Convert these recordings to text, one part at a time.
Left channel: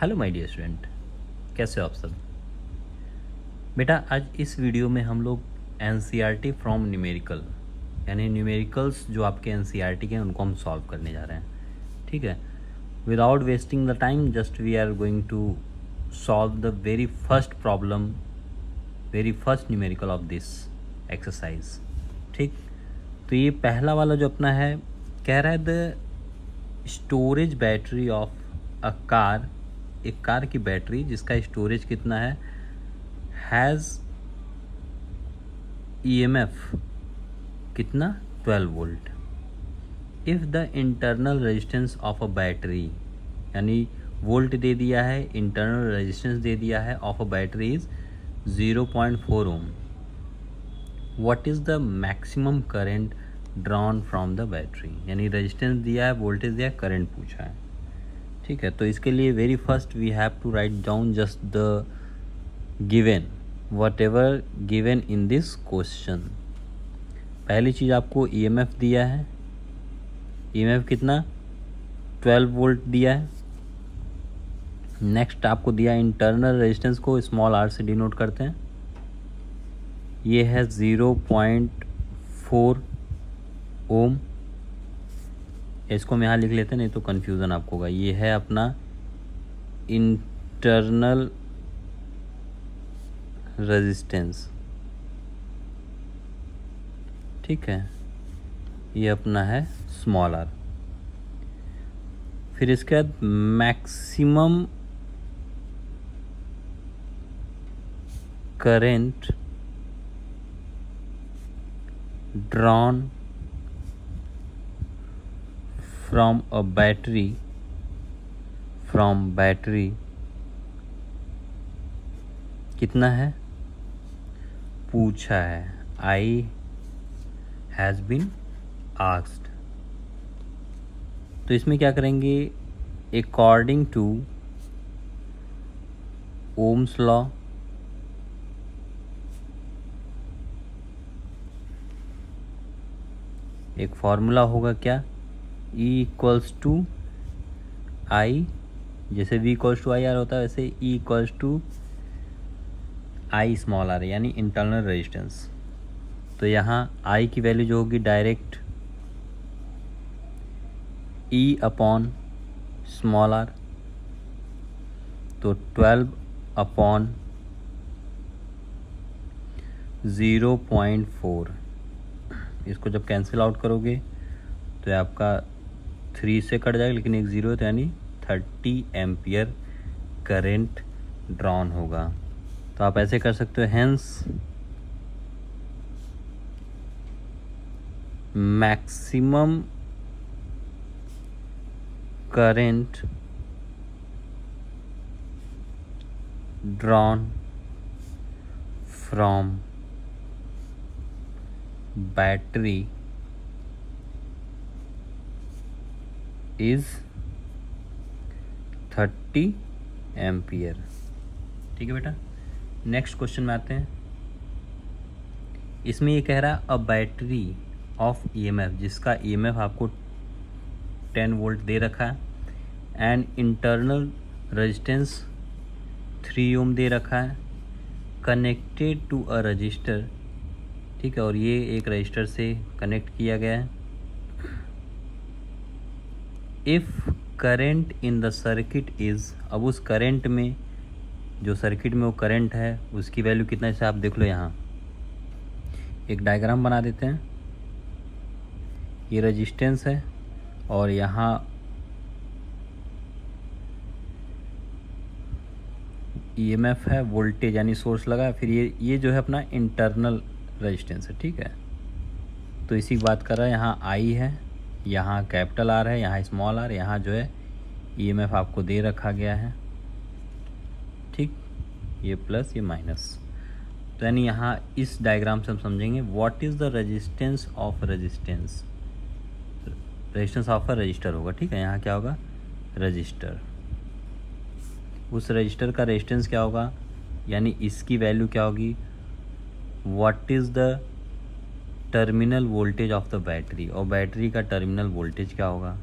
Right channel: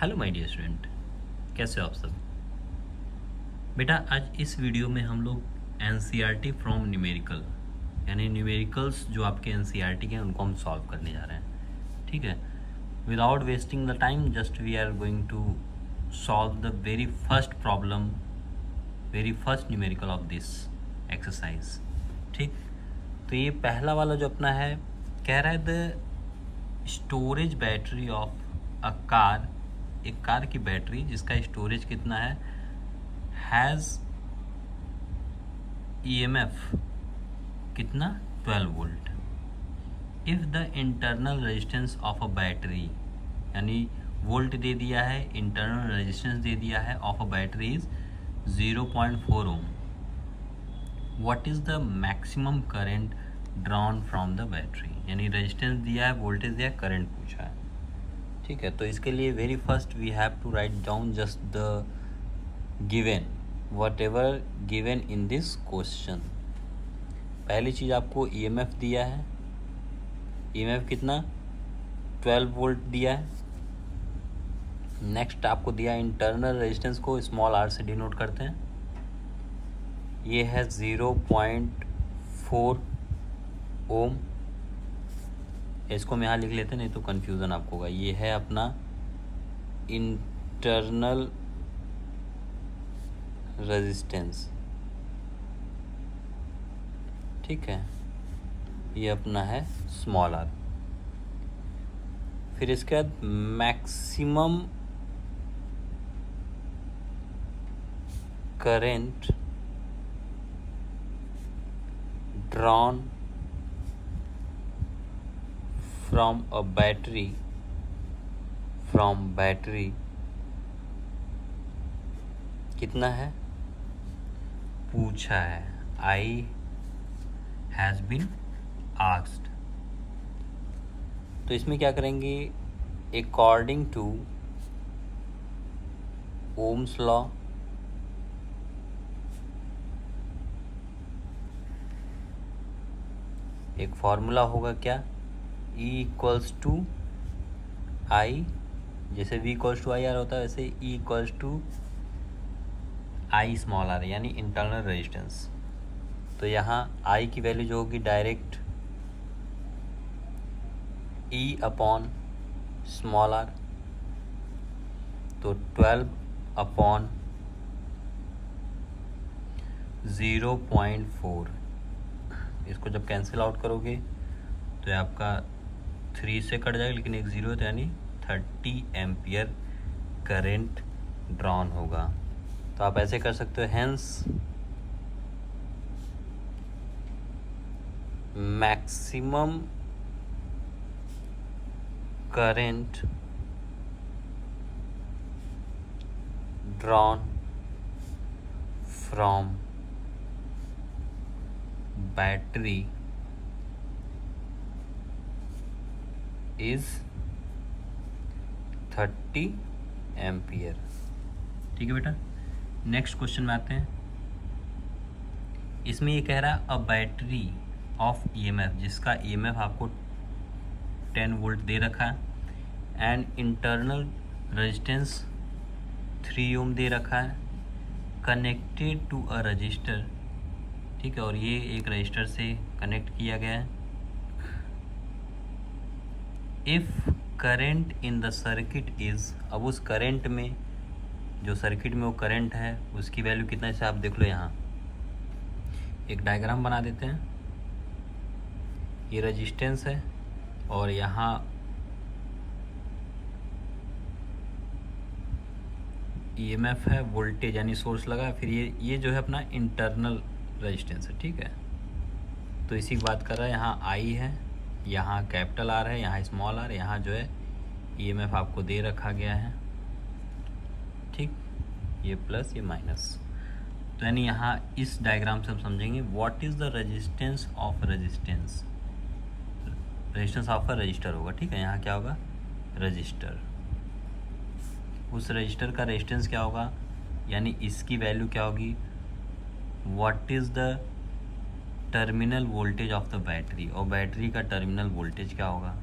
Hello my dear student, कैसे हो आप सब। बेटा आज इस वीडियो में हम लोग एनसीईआरटी फ्रॉम न्यूमेरिकल यानी न्यूमेरिकल्स जो आपके एनसीईआरटी के हैं उनको हम सॉल्व करने जा रहे हैं। ठीक है, without wasting the time just we are going to solve the very first problem, very first numerical of this exercise. ठीक, तो ये पहला वाला जो अपना है कह रहा है the storage battery of a car, एक कार की बैटरी जिसका स्टोरेज कितना है, हैज़ ईएमएफ कितना 12 volt. If the internal resistance of a battery, यानी वोल्ट दे दिया है, इंटरनल रेजिस्टेंस दे दिया है of a battery is 0.4 ohm, what is the maximum current drawn from the battery. यानी रेजिस्टेंस दिया है, वोल्टेज दिया है, करंट पूछा है। ठीक है, तो इसके लिए very first we have to write down just the given, whatever given in this question. पहली चीज़ आपको ईएमएफ दिया है, ईएमएफ कितना 12 वोल्ट दिया है। नेक्स्ट आपको दिया इंटरनल रेजिस्टेंस को स्मॉल आर से डिनोट करते हैं, ये है 0.4 ओम। इसको हम यहाँ लिख लेते हैं, नहीं तो कन्फ्यूज़न आपको होगा। ये है अपना इंटरनल रेजिस्टेंस, ठीक है, ये अपना है स्मॉल आर। फिर इसके बाद maximum current drawn from a battery, from battery कितना है पूछा है, आई हैज़ बीन आस्क्ड। तो इसमें क्या करेंगे, अकॉर्डिंग टू ओम्स लॉ, एक फॉर्मूला होगा क्या, E इक्वल्स टू आई, जैसे V equals to I R होता है वैसे E equals to I small r यानी इंटरनल रेजिस्टेंस। तो यहाँ I की वैल्यू जो होगी direct E upon small r, तो 12 अपॉन 0.4। इसको जब कैंसिल आउट करोगे तो आपका 3 से कट जाएगा, लेकिन एक ज़ीरो है तो यानी 30 एम्पियर करंट ड्रॉन होगा। तो आप ऐसे कर सकते हो, hence maximum current drawn from battery is 30 ampere. ठीक है बेटा, नेक्स्ट क्वेश्चन में आते हैं। इसमें ये कह रहा है अ बैटरी ऑफ ईएमएफ, जिसका ईएमएफ आपको 10 वोल्ट दे रखा है, एंड इंटरनल रेजिस्टेंस 3 ओम दे रखा है, कनेक्टेड टू अ रजिस्टर। ठीक है, और ये एक रजिस्टर से कनेक्ट किया गया है। If current in the circuit is, अब उस करंट में, जो सर्किट में वो करंट है उसकी वैल्यू कितना है, इसे आप देख लो। यहाँ एक डायग्राम बना देते हैं, ये रेजिस्टेंस है और यहाँ ईएमएफ है, वोल्टेज यानी सोर्स लगा, फिर ये जो है अपना इंटरनल रेजिस्टेंस है। ठीक है, तो इसी की बात कर रहा है। यहाँ आई है, यहाँ कैपिटल आर है, यहाँ स्मॉल आर, यहाँ जो है ईएमएफ आपको दे रखा गया है। ठीक, ये प्लस ये माइनस, तो यानी यहाँ इस डायग्राम से हम समझेंगे what is the resistance of resistance, resistance of a resistor होगा। ठीक है, यहाँ क्या होगा, रजिस्टर, उस रजिस्टर का रेजिस्टेंस क्या होगा, यानी इसकी वैल्यू क्या होगी, what is the terminal voltage of the battery, और बैटरी का टर्मिनल वोल्टेज क्या होगा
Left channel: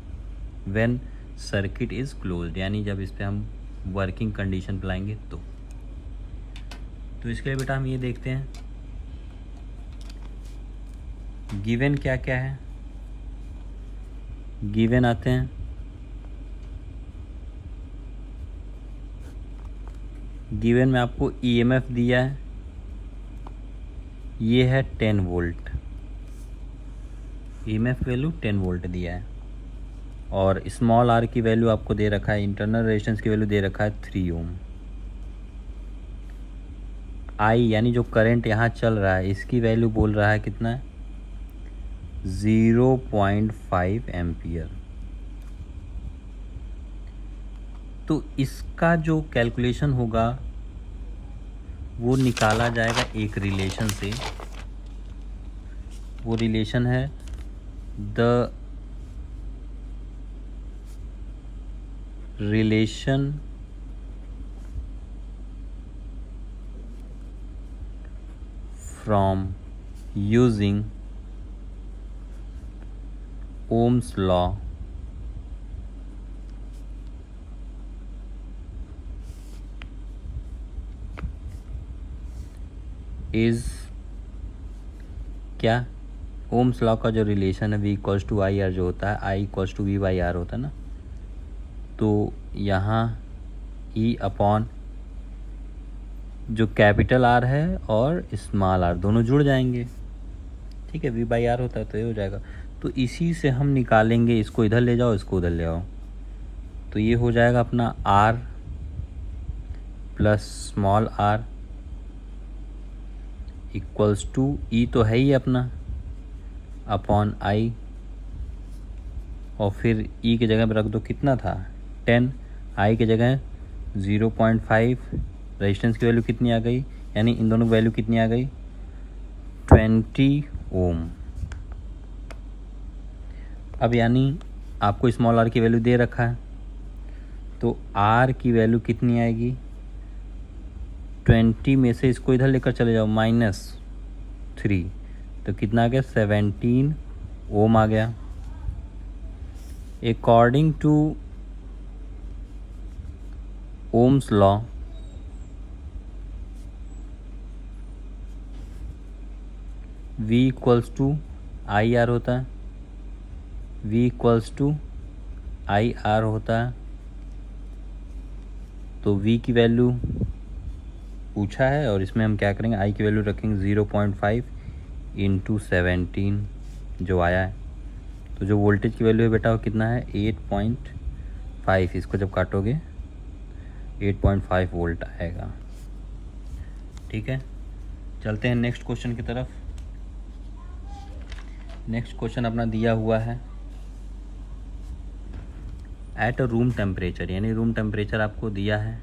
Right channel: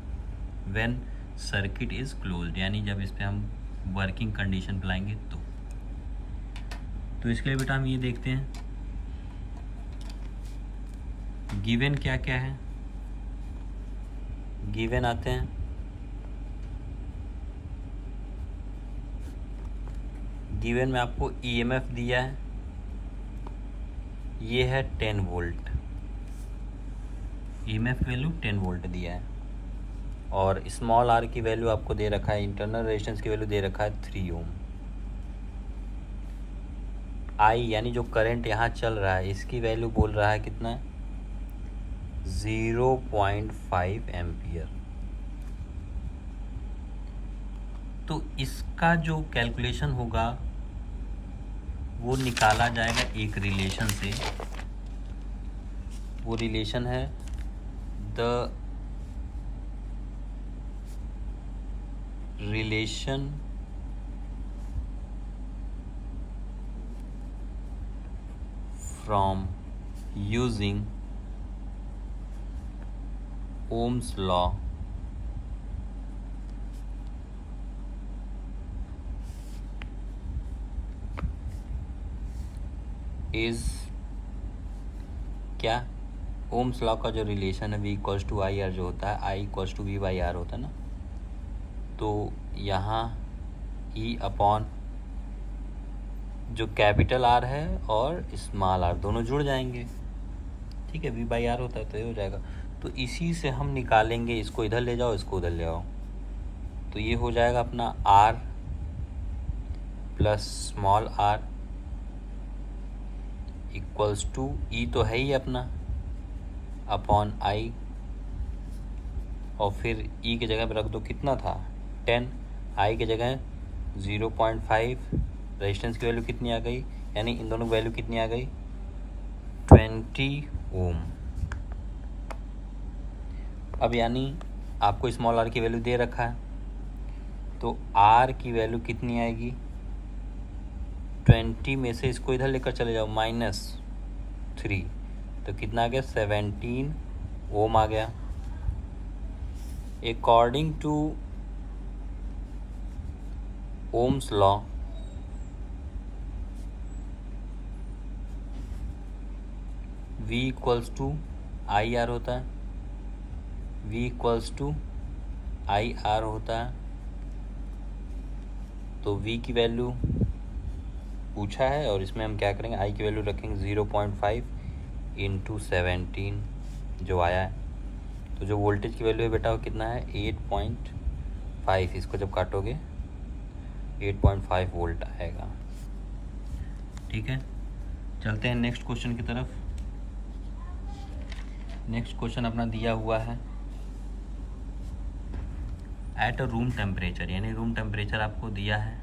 व्हेन सर्किट इज़ क्लोज्ड, यानी जब इस पर हम वर्किंग कंडीशन पे लाएंगे तो इसके लिए बेटा हम ये देखते हैं गिवन क्या क्या है। गिवन आते हैं, गिवन में आपको ईएमएफ दिया है, ये है 10 वोल्ट, ईएमएफ वैल्यू 10 वोल्ट दिया है, और स्मॉल आर की वैल्यू आपको दे रखा है, इंटरनल रेजिस्टेंस की वैल्यू दे रखा है 3 ओम। आई यानी जो करंट यहाँ चल रहा है इसकी वैल्यू बोल रहा है कितना, 0.5 एम्पियर। तो इसका जो कैलकुलेशन होगा वो निकाला जाएगा एक रिलेशन से, वो रिलेशन है the relation from using Ohm's law is क्या, ओम्स लॉ का जो रिलेशन है V equals to I R जो होता है, I equals to V by R होता है ना, तो यहाँ E अपॉन जो कैपिटल R है और स्मॉल r दोनों जुड़ जाएंगे, ठीक है, V बाई आर होता है तो ये हो जाएगा। तो इसी से हम निकालेंगे, इसको इधर ले जाओ, इसको उधर ले आओ, तो ये हो जाएगा अपना R plus small r equals to E तो है ही अपना अपॉन आई, और फिर ई की जगह पे रख दो, कितना था 10, आई की जगह 0.5, रेजिस्टेंस की वैल्यू कितनी आ गई, यानी इन दोनों की वैल्यू कितनी आ गई 20 ओम। अब यानी आपको स्मॉल आर की वैल्यू दे रखा है, तो आर की वैल्यू कितनी आएगी 20 में से इसको इधर लेकर चले जाओ -3, तो कितना आ गया 17 ओम आ गया। According to Ohm's law V equals to I R होता है, V equals to I R होता है, तो V की वैल्यू पूछा है और इसमें हम क्या करेंगे, I की वैल्यू रखेंगे 0.5 इंटू 17 जो आया है, तो जो वोल्टेज की वैल्यू है बेटा वो कितना है 8.5, इसको जब काटोगे 8.5 वोल्ट आएगा। ठीक है, चलते हैं नेक्स्ट क्वेश्चन की तरफ। नेक्स्ट क्वेश्चन अपना दिया हुआ है एट अ रूम टेम्परेचर, यानी रूम टेम्परेचर आपको दिया है,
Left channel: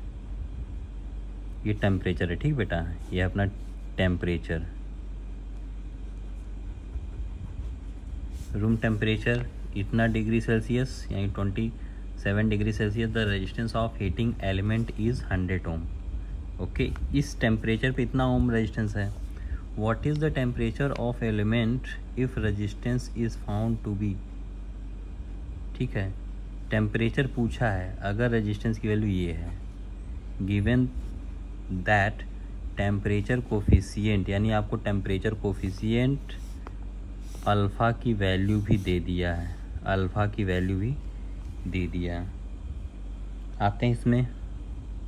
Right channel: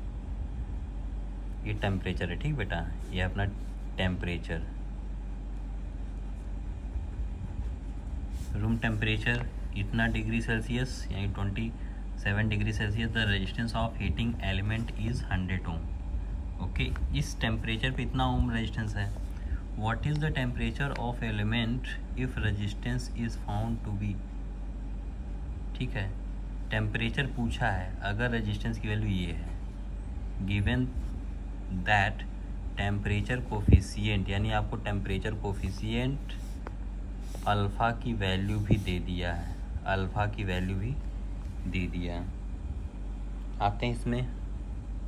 ये टेम्परेचर है, ठीक बेटा, ये अपना टेम्परेचर, रूम टेम्परेचर इतना डिग्री सेल्सियस यानी 27 degree Celsius, the resistance of heating element is 100 ohm. Okay, इस टेम्परेचर पे इतना ओम रेजिस्टेंस है। What is the temperature of element if resistance is found to be, ठीक है, टेम्परेचर पूछा है, अगर रेजिस्टेंस की वैल्यू ये है, गिवन दैट टेम्परेचर कोफिशिएंट, यानी आपको टेम्परेचर कोफिशिएंट अल्फ़ा की वैल्यू भी दे दिया है, अल्फ़ा की वैल्यू भी दे दिया है। आते हैं इसमें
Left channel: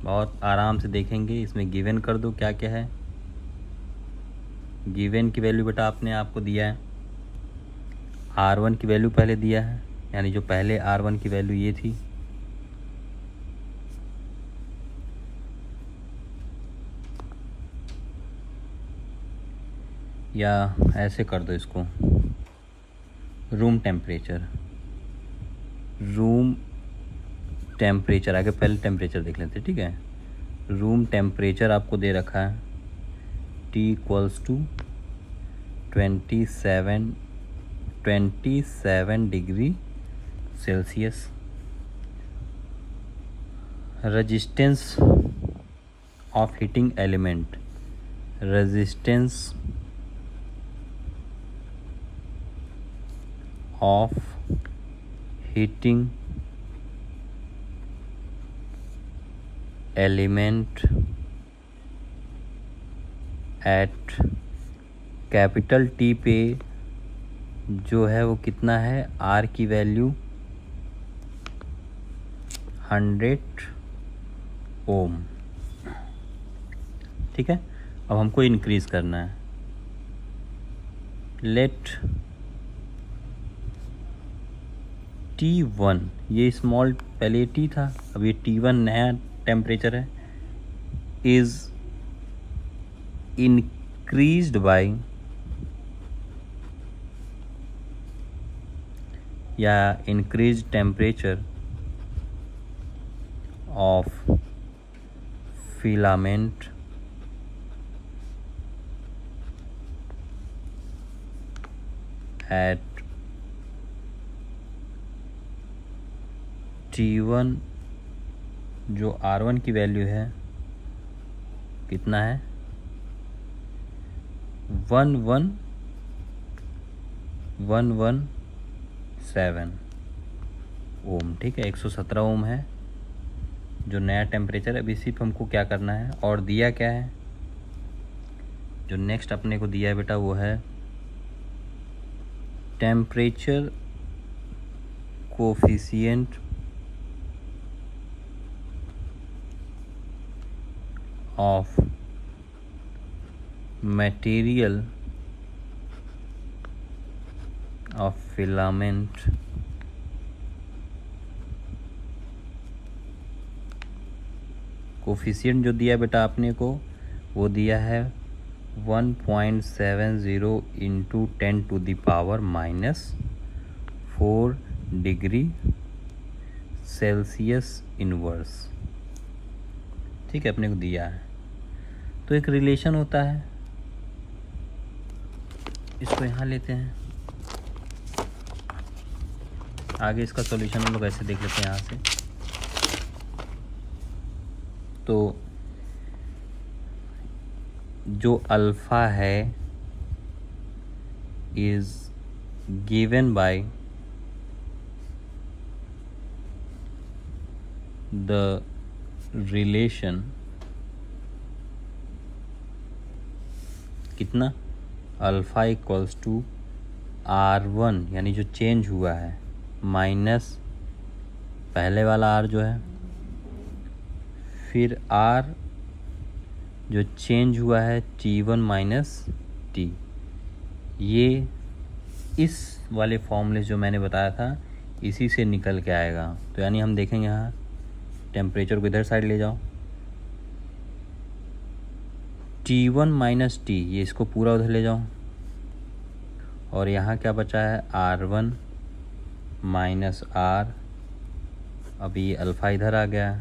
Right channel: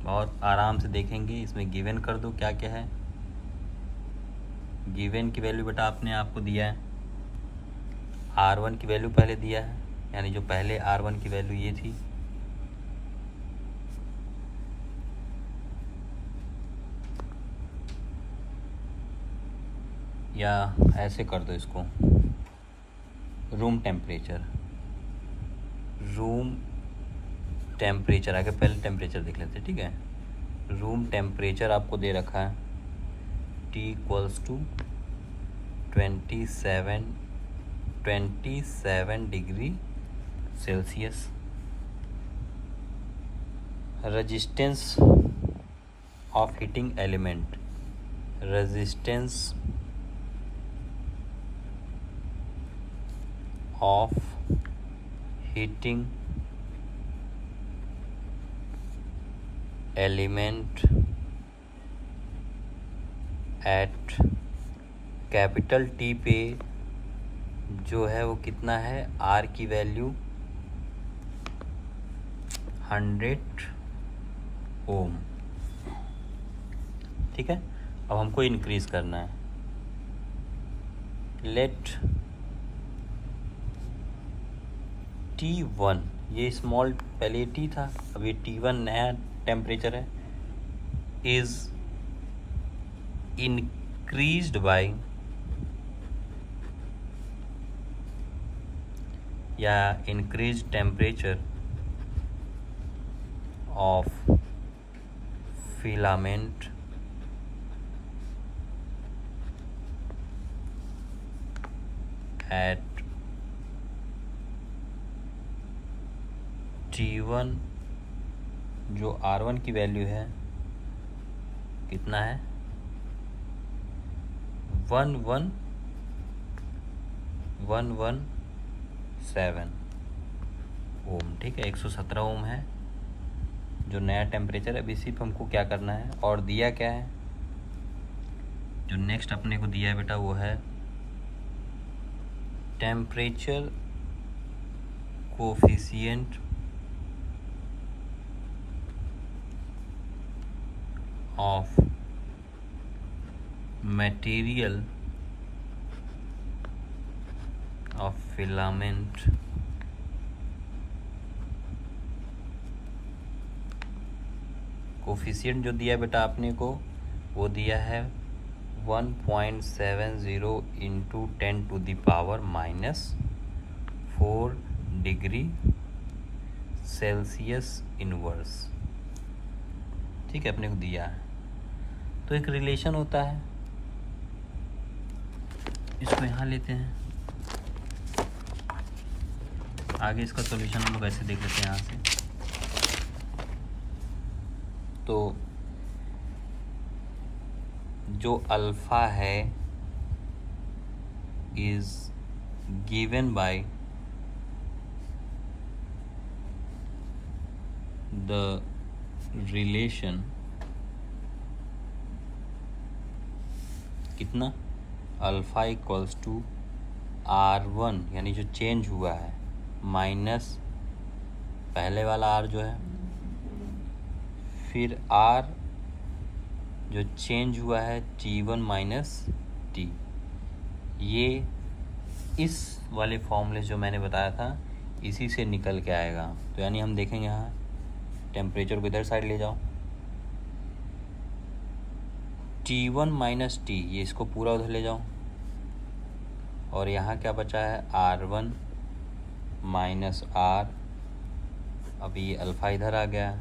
और आराम से देखेंगे, इसमें गिवन कर दो क्या क्या है। गिवन की वैल्यू बेटा आपने आपको दिया है, R1 की वैल्यू पहले दिया है, यानी जो पहले R1 की वैल्यू ये थी, या ऐसे कर दो इसको, रूम टेम्परेचर, रूम टेम्परेचर आगे पहले टेम्परेचर देख लेते हैं, ठीक है। रूम टेम्परेचर आपको दे रखा है T equals to 27 degree Celsius. Resistance of heating element, resistance of heating element at capital T पे जो है वो कितना है, आर की वैल्यू 100 ओम। ठीक है, अब हमको इंक्रीज करना है। लेट T1, ये स्मॉल पहले T था, अब ये T1 नया टेम्परेचर है, इज इंक्रीज्ड बाय या increase temperature of filament at T1 जो R1 की वैल्यू है कितना है 11117 ओम। ठीक है, 117 ओम है जो नया टेम्परेचर है। अब इसी पे हमको क्या करना है, और दिया क्या है, जो नेक्स्ट अपने को दिया है बेटा वो है temperature coefficient of material of filament coefficient जो दिया बेटा आपने को वो दिया है 1.70 इंटू 10⁻⁻⁴ डिग्री सेल्सियस इनवर्स। ठीक है, अपने को दिया है। तो एक रिलेशन होता है, इसको यहाँ लेते हैं, आगे इसका सॉल्यूशन हम लोग ऐसे देख लेते हैं यहाँ से। तो जो अल्फा है is given by the relation कितना, अल्फा इक्वल्स टू R1 यानी जो चेंज हुआ है माइनस पहले वाला R जो है, फिर R जो चेंज हुआ है T1 माइनस T। ये इस वाले फॉर्मूले जो मैंने बताया था इसी से निकल के आएगा। तो यानी हम देखेंगे यहाँ टेम्परेचर को इधर साइड ले जाओ, T1 माइनस T, ये इसको पूरा उधर ले जाओ, और यहाँ क्या बचा है R1 माइनस R। अब ये अल्फ़ा इधर आ गया,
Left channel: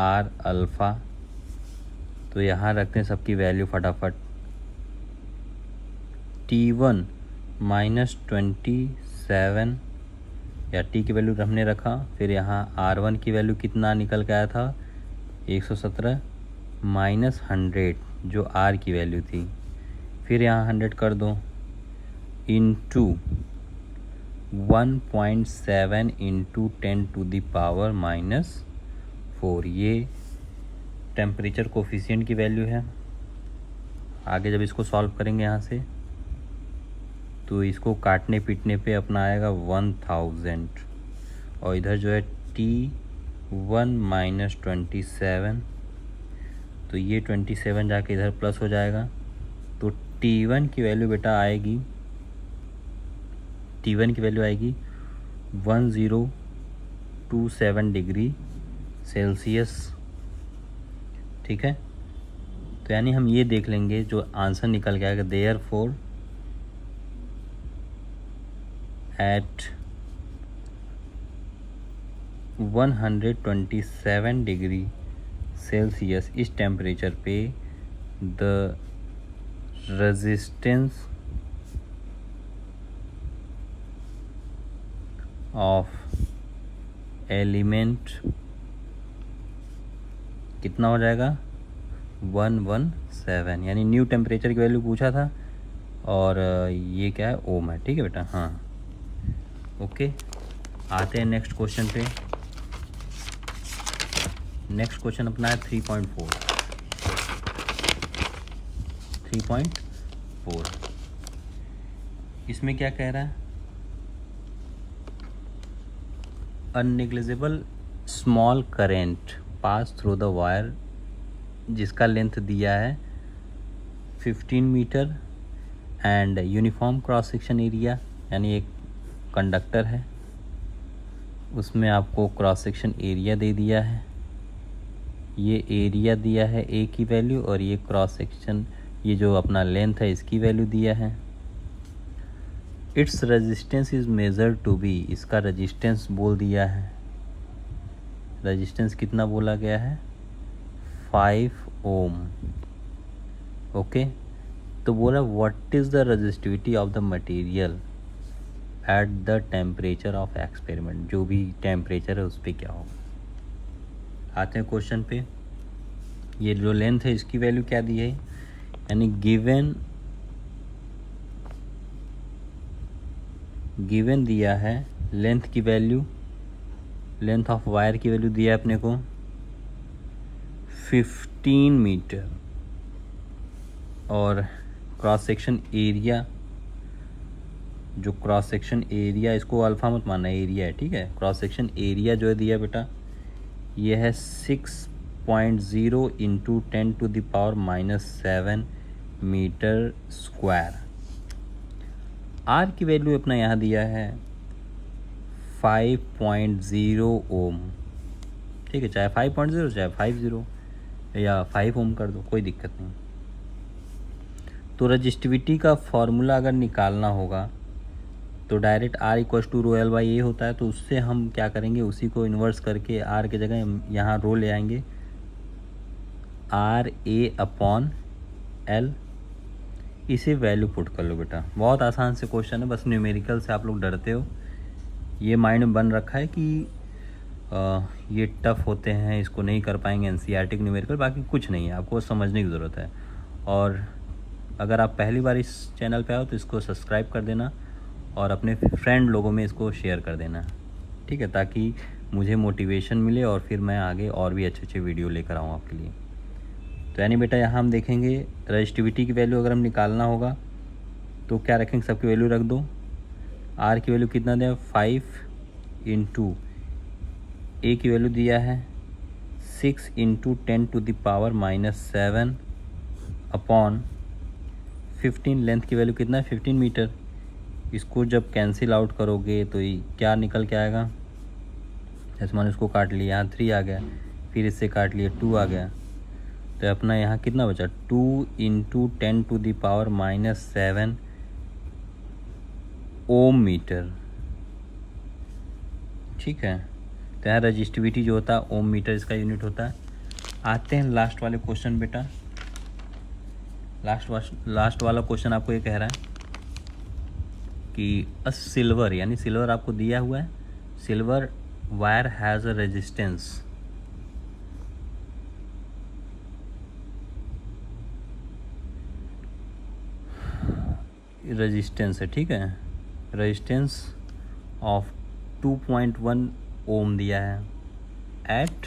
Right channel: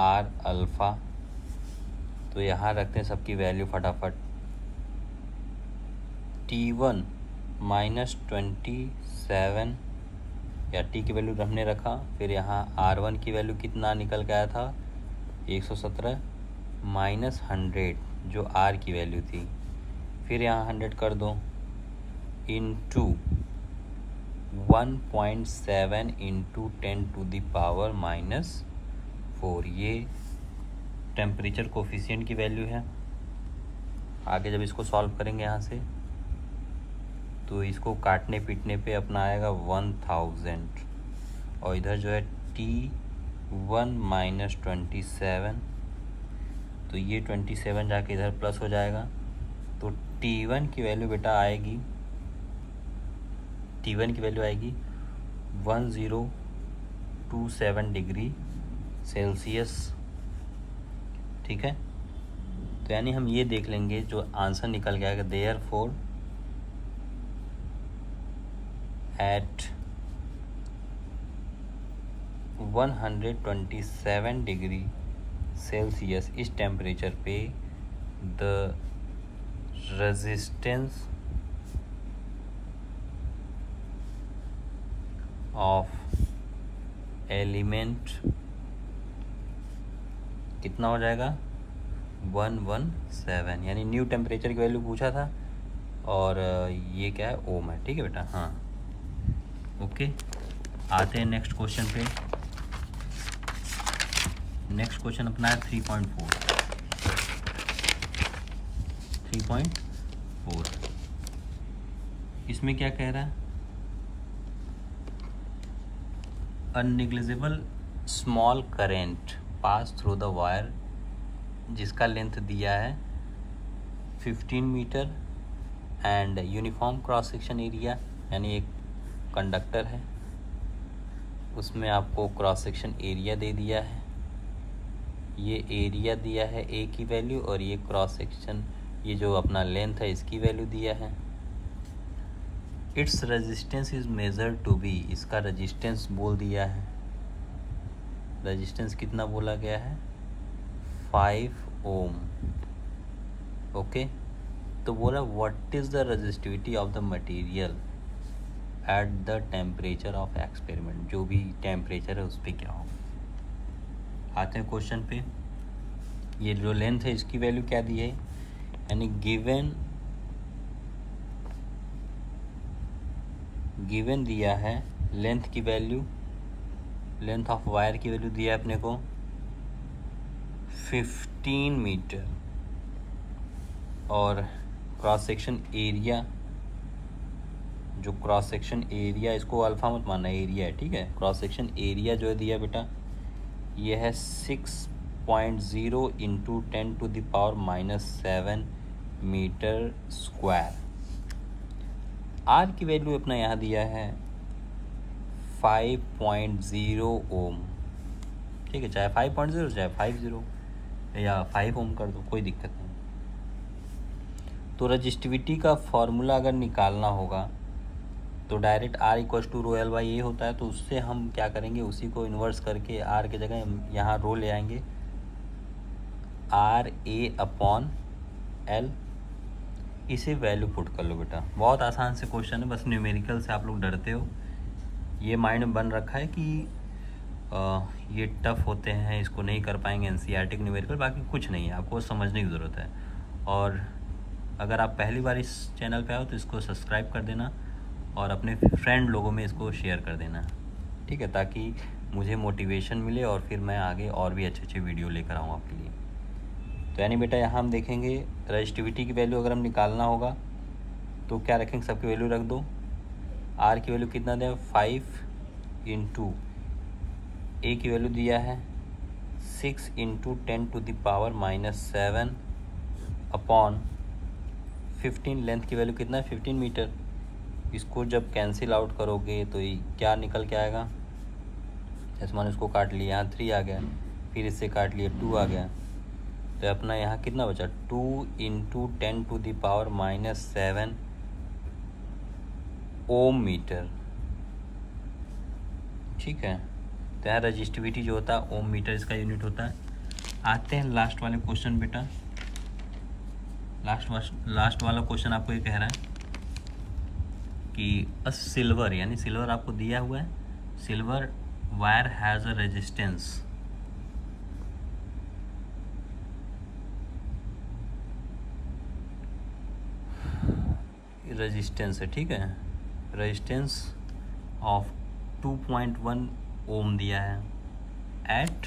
R अल्फ़ा। तो यहाँ रखते हैं सबकी वैल्यू फटाफट। T1 माइनस 27 या T की वैल्यू हमने रखा, फिर यहाँ R1 की वैल्यू कितना निकल के आया था 117 माइनस 100 जो R की वैल्यू थी, फिर यहाँ 100 कर दो इंटू 1.7 इंटू 10⁻⁻⁴। ये टेम्परेचर कोफिशिएंट की वैल्यू है। आगे जब इसको सॉल्व करेंगे यहाँ से तो इसको काटने पीटने पे अपना आएगा 1000, और इधर जो है T1 माइनस 27, तो ये 27 जाके इधर प्लस हो जाएगा। तो T1 की वैल्यू बेटा आएगी, T1 की वैल्यू आएगी 1027 डिग्री सेल्सियस। ठीक है, तो यानी हम ये देख लेंगे जो आंसर निकल के आएगा, देयरफॉर एट 127 डिग्री सेल्सियस इस टेम्परेचर पे द रेजिस्टेंस ऑफ एलिमेंट कितना हो जाएगा 117, यानी न्यू टेम्परेचर की वैल्यू पूछा था, और ये क्या है ओम है। ठीक है बेटा, हाँ ओके। आते हैं नेक्स्ट क्वेश्चन पे। नेक्स्ट क्वेश्चन अपना है 3.4। इसमें क्या कह रहा है, unnegligible small current pass through the wire जिसका लेंथ दिया है 15 metre and uniform cross section area, यानी एक कंडक्टर है उसमें आपको क्रॉस सेक्शन एरिया दे दिया है, ये एरिया दिया है ए की वैल्यू और ये क्रॉस सेक्शन ये जो अपना लेंथ है इसकी वैल्यू दिया है। Its resistance is measured to be, इसका रेजिस्टेंस बोल दिया है, रेजिस्टेंस कितना बोला गया है 5 ओम। ओके, तो बोला what is the resistivity of the material at the temperature of experiment, जो भी टेम्परेचर है उस पर क्या हो। आते हैं क्वेश्चन पे, ये जो लेंथ है इसकी वैल्यू क्या दी है, यानी गिवन दिया है लेंथ की वैल्यू, लेंथ ऑफ वायर की वैल्यू दिया है अपने को 15 मीटर और क्रॉस सेक्शन एरिया, जो क्रॉस सेक्शन एरिया इसको अल्फा मत मानना, एरिया है ठीक है, क्रॉस सेक्शन एरिया जो है दिया बेटा ये है 6.0 इंटू 10⁻⁻7 मीटर स्क्वायर। आर की वैल्यू अपना यहाँ दिया है 5.0 ओम, ठीक है, चाहे 5.0 चाहे 50 या 5 ओम कर दो, कोई दिक्कत नहीं। तो रजिस्टिविटी का फॉर्मूला अगर निकालना होगा तो direct R equal to rho L by A होता है, तो उससे हम क्या करेंगे, उसी को इन्वर्स करके R की जगह यहाँ रो ले आएंगे, RA/L, इसे वैल्यू पुट कर लो बेटा। बहुत आसान से क्वेश्चन है, बस न्यूमेरिकल से आप लोग डरते हो, ये माइंड में बन रखा है कि ये टफ होते हैं, इसको नहीं कर पाएंगे एनसीईआरटी न्यूमेरिकल, बाकी कुछ नहीं है, आपको समझने की ज़रूरत है। और अगर आप पहली बार इस चैनल पे आओ तो इसको सब्सक्राइब कर देना और अपने फ्रेंड लोगों में इसको शेयर कर देना, ठीक है, ताकि मुझे मोटिवेशन मिले और फिर मैं आगे और भी अच्छे अच्छे वीडियो लेकर आऊँ आपके लिए। तो यानी बेटा यहाँ हम देखेंगे रजिस्टिविटी की वैल्यू अगर हम निकालना होगा तो क्या रखेंगे, सबकी वैल्यू रख दो। आर की वैल्यू कितना दिया 5 इंटू ए की वैल्यू दिया है 6 इंटू 10⁻⁻7 अपॉन 15, लेंथ की वैल्यू कितना है 15 मीटर। इसको जब कैंसिल आउट करोगे तो ये क्या निकल के आएगा, जैसे मैंने इसको काट लिया, यहाँ 3 आ गया, फिर इससे काट लिया 2 आ गया, तो अपना यहाँ कितना बचा 2 इंटू 10⁻⁻7 ओम मीटर, ठीक है। तो यहाँ रजिस्टिविटी जो होता है ओम मीटर इसका यूनिट होता है। आते हैं लास्ट वाले क्वेश्चन बेटा, लास्ट वाला क्वेश्चन आपको ये कह रहा है कि अ सिल्वर, यानी सिल्वर आपको दिया हुआ है, silver wire has a resistance है, ठीक है, रेजिस्टेंस ऑफ 2.1 ओम दिया है at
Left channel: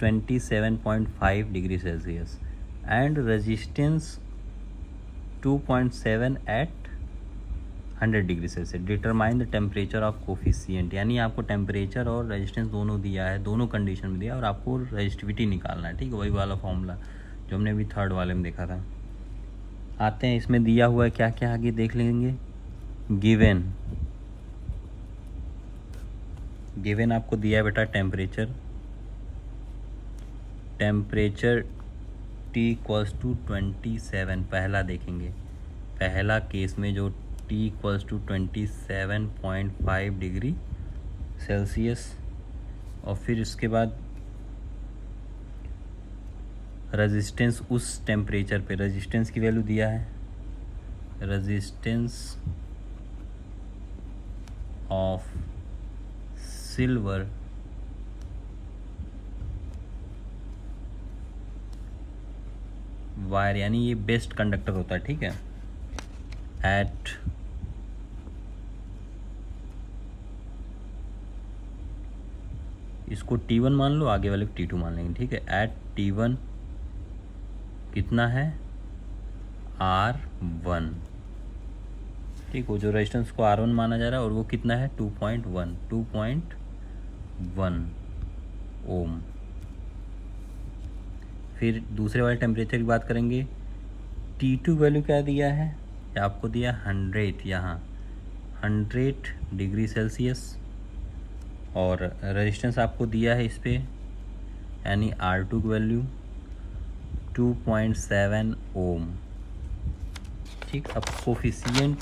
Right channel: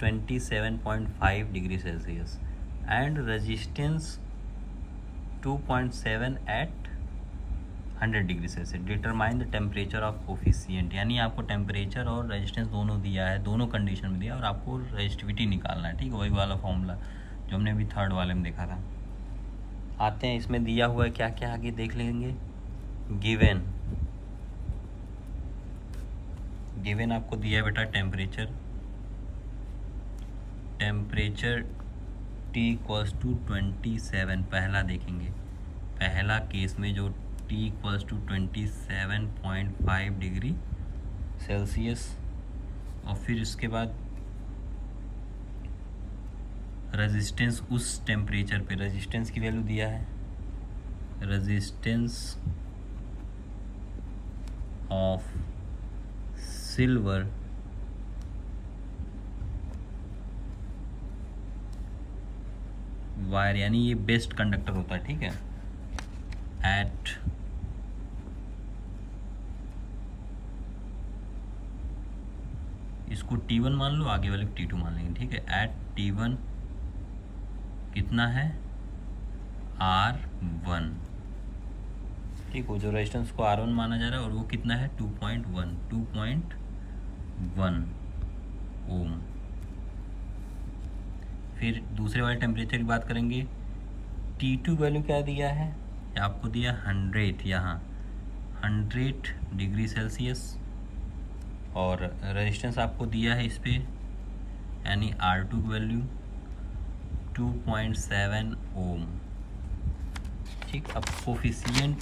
27.5 degree Celsius and resistance 2.7 at 100 degree Celsius. Determine the temperature of coefficient, यानी आपको टेम्परेचर और रेजिस्टेंस दोनों दिया है, दोनों कंडीशन में दिया और आपको रेजिस्टिविटी निकालना है, ठीक है, वही वाला फॉर्मूला जो हमने अभी थर्ड वाले में देखा था। आते हैं इसमें दिया हुआ है क्या क्या, आगे देख लेंगे। गिवन आपको दिया है बेटा टेम्परेचर T इक्वल्स टू 27, पहला देखेंगे, पहला केस में जो T equals to 27.5 degree Celsius, और फिर इसके बाद रेजिस्टेंस उस टेम्परेचर पे, रेजिस्टेंस की वैल्यू दिया है, रेजिस्टेंस ऑफ सिल्वर वायर, यानी ये बेस्ट कंडक्टर होता है, ठीक है, एट इसको T1 मान लो, आगे वाले को T2 मान लेंगे, ठीक है। एट T1 कितना है, R1, ठीक। वो जो रेजिस्टेंस को R1 माना जा रहा है और वो कितना है 2.1 ओम। फिर दूसरे वाले टेम्परेचर की बात करेंगे। T2 वैल्यू क्या दिया है, आपको दिया 100, यहाँ 100 डिग्री सेल्सियस, और रेजिस्टेंस आपको दिया है इस पे, यानी R2 की वैल्यू 2.7 ओम, ठीक। अब coefficient,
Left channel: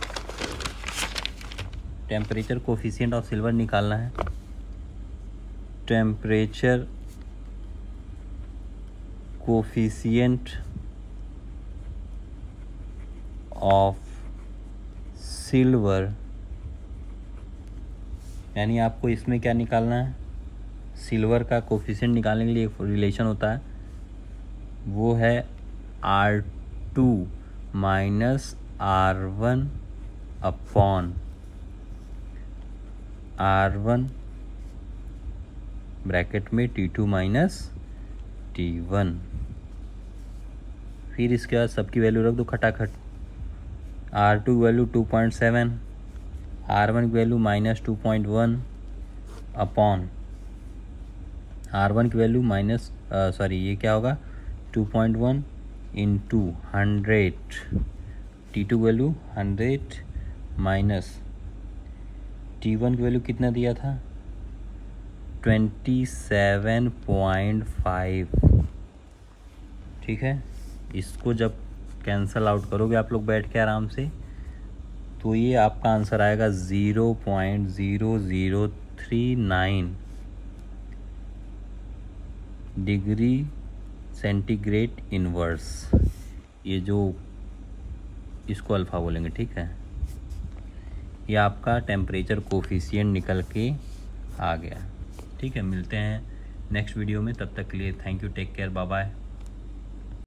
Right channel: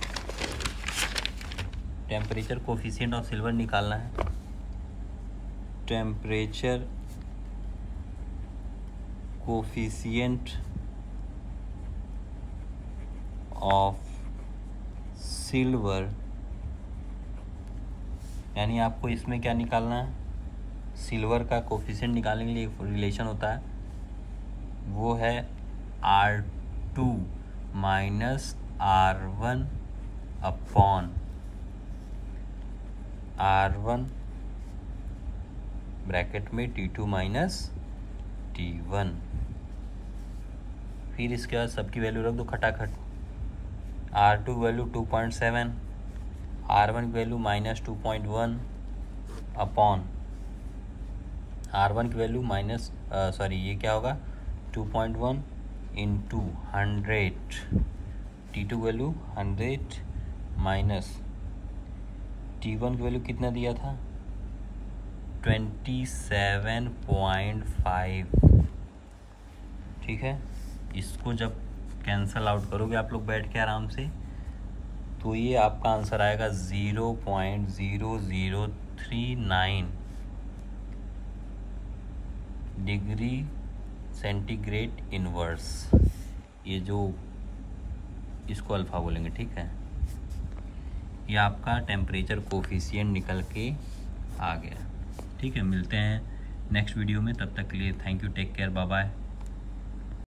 temperature coefficient of silver निकालना है। टेम्परेचर कोफिशिएंट ऑफ सिल्वर, यानी आपको इसमें क्या निकालना है, सिल्वर का कोफिशिएंट निकालने के लिए एक रिलेशन होता है, वो है R2 minus R1 upon R1 bracket में T2 माइनस T1। फिर इसके बाद सबकी वैल्यू रख दो खटाखट। R2 की वैल्यू 2.7, R1 की वैल्यू माइनस 2.1 अपॉन R1 की वैल्यू माइनस ये क्या होगा 2.1 into 100, T2 value 100 minus T1 की वैल्यू कितना दिया था 27.5, ठीक है। इसको जब कैंसल आउट करोगे आप लोग बैठ के आराम से, तो ये आपका आंसर आएगा 0.0039 डिग्री सेंटीग्रेड इनवर्स, ये जो इसको अल्फा बोलेंगे, ठीक है। ये आपका टेम्परेचर कोफिशिएंट निकल के आ गया, ठीक है। मिलते हैं नेक्स्ट वीडियो में, तब तक के लिए thank you, take care, bye bye.